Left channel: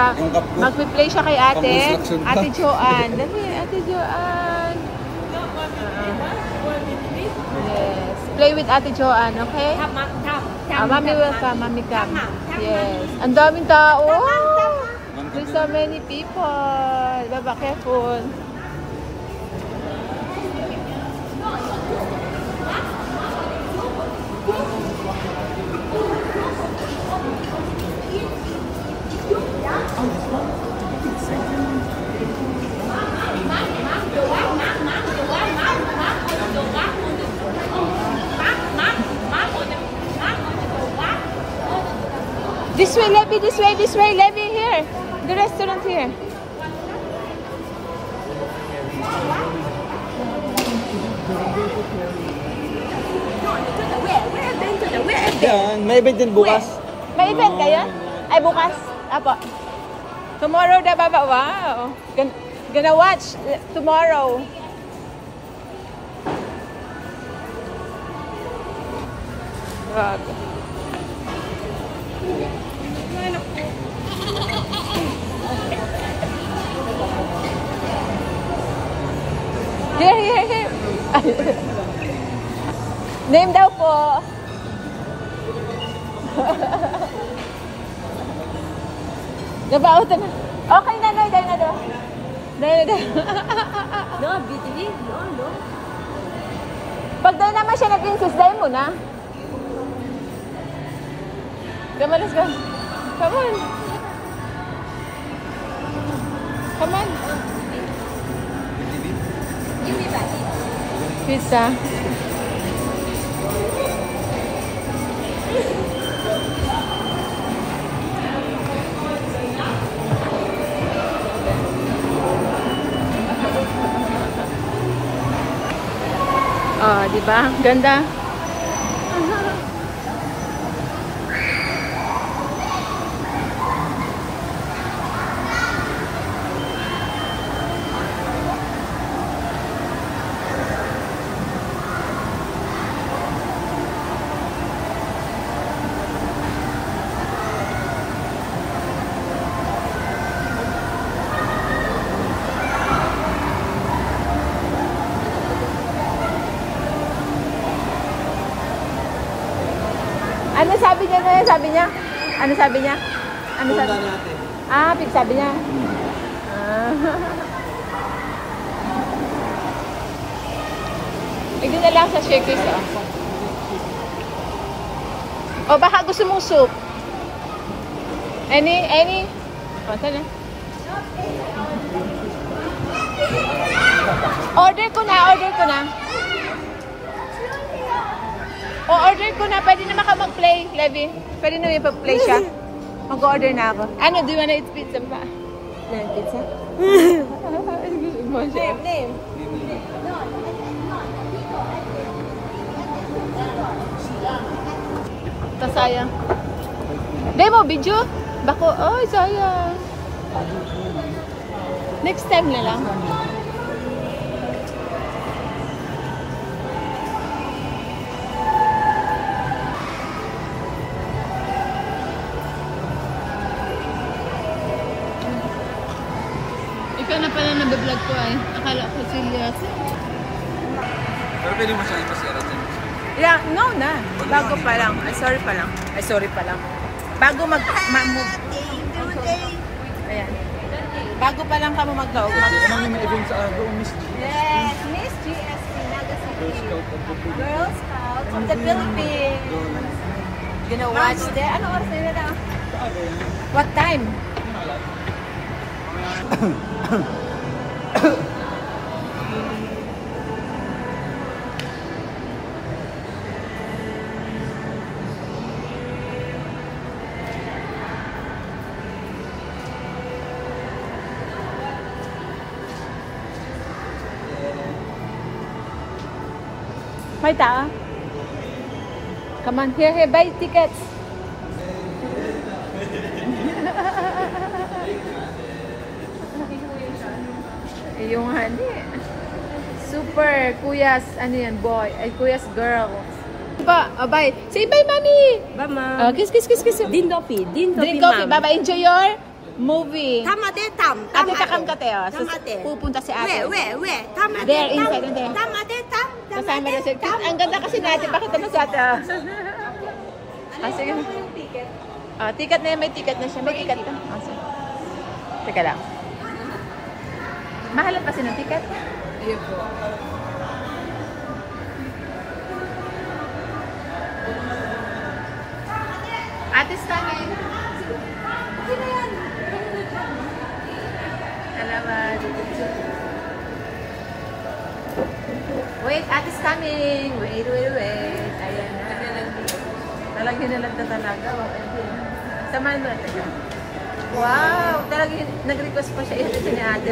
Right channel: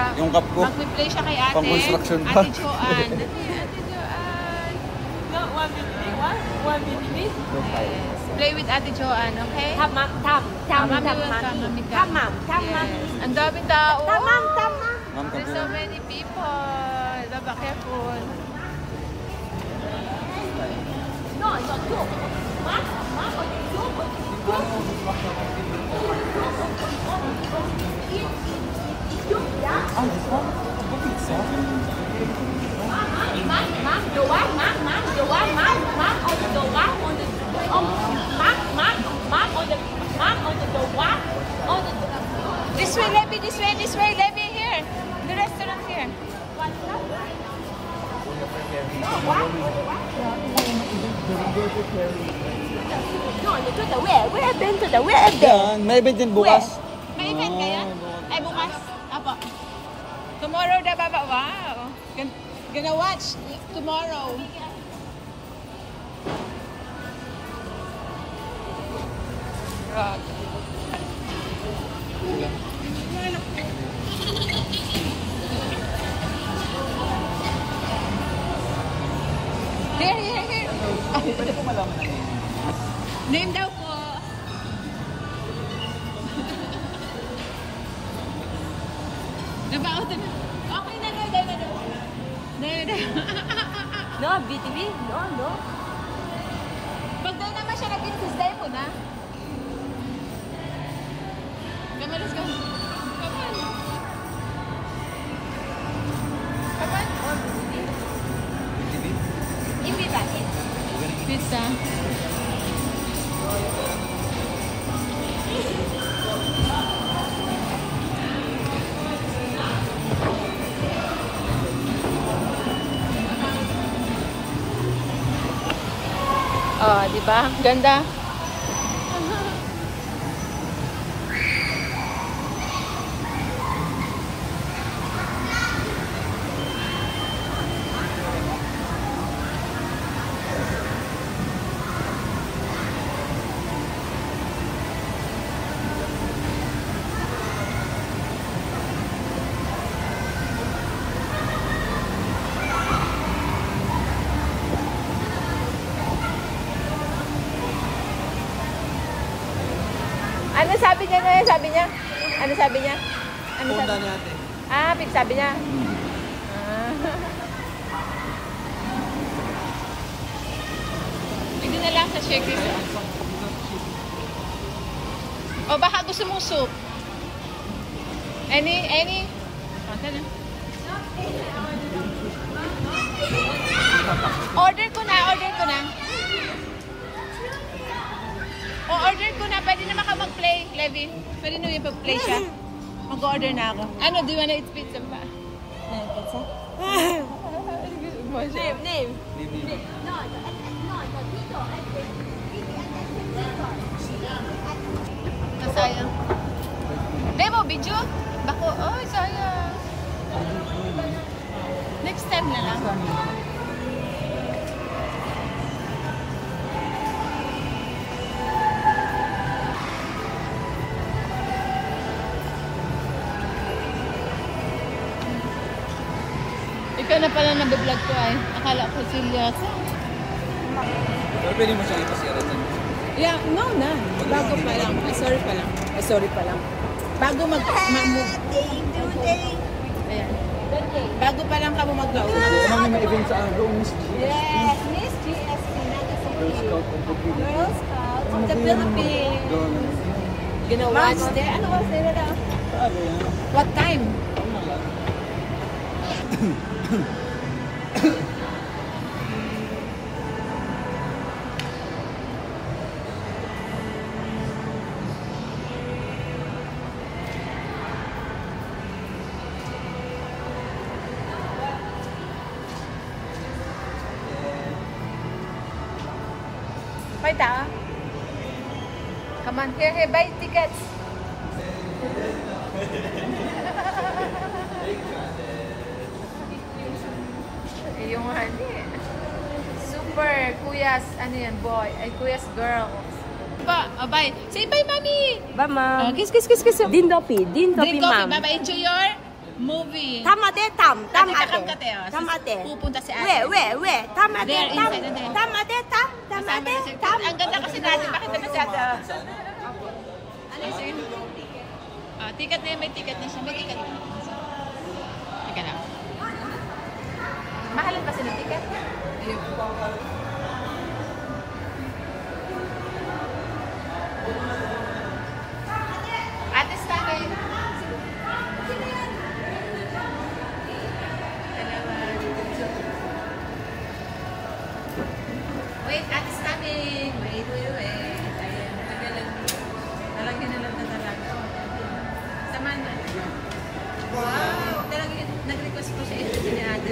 siya. Yung cup ko. Mag-replay siya kay ate. Pang-construction pa. Ate Joanne. Dali, ate Joanne. No, 1 minute. 1 minute. Yes. Play with ate Joanne, okay? Mami will come, mami come. Yes. Ang daming tao. There's so many people. Diba, careful. No, you're too. This way, Levi, this way, Levi, here. The restaurant here. May event din bukas. May event kayo? Ay, bukas. Apo. Tomorrow na baba. Wow. Gonna watch tomorrow. Here. Name daw po. Nabauto na. Okay na, no. No, BTV. No. Pag daw naman siya nag-insist, dahil mo na. Come on, let's go. Come on. Pizza. Oh, diba? Ganda. Ano sabi niya? Punta niya ate. Ah, sabi niya. Ito na lang sa shakers. O baka gusto mong soup? Any? Pasali. Order ko na. Order ko na. Pwede naman ka mag-play, Levi. Pwede naman ipag-play siya. Mag-order na ako. Ano, do you wanna eat pizza ba? Pizza? Name. Ito, sayang. Demo, video? Bako, oh, sayang. Next time na lang. Ikaw na pala nabablog ko ay. Akala ko serious. Pero pwede mo siyang ipasirat din. Yeah, no na. Bago pa lang. Ay, sorry pa lang. Bago mag-move. Ayan. Bago pa lang kamo mag-go. Ano may event sa doon, Miss G? Yes, Miss GSC. Girl Scout of the Philippines. Girl Scout from the Philippines. Gonna watch there. Ano oras nila na? Saan yan? What time? May tao? Come on, here, buy tickets. Yung super kuyas, ano yan, boy, ay kuyas girl. Ba, bye. Say bye, mommy. Bye, ma'am. Kiss. Din Dopi, Drink coffee. ma'am. Bye, enjoy your Movie. Tamade tam. Ate, kakam ka tayo. Tamade. Pupunta si ate. We. Tamade There, tam. inside and there. Tamade tam. Kasama Tamade na si tam. Ang ganda kasi na ito. Bakit na si ate? Sige. Ticket na yan. May ticket na siya. Mag-ikat ka. Teka lang. Mahalan kasi ng ticket? Ayun po. Atis namin. Salamat. Wait, atis namin. Wait. Ayan, talagyan na lang talaga. Samahan mo natin. Wow! Talagang nag-request pa siya. Ito niya ate.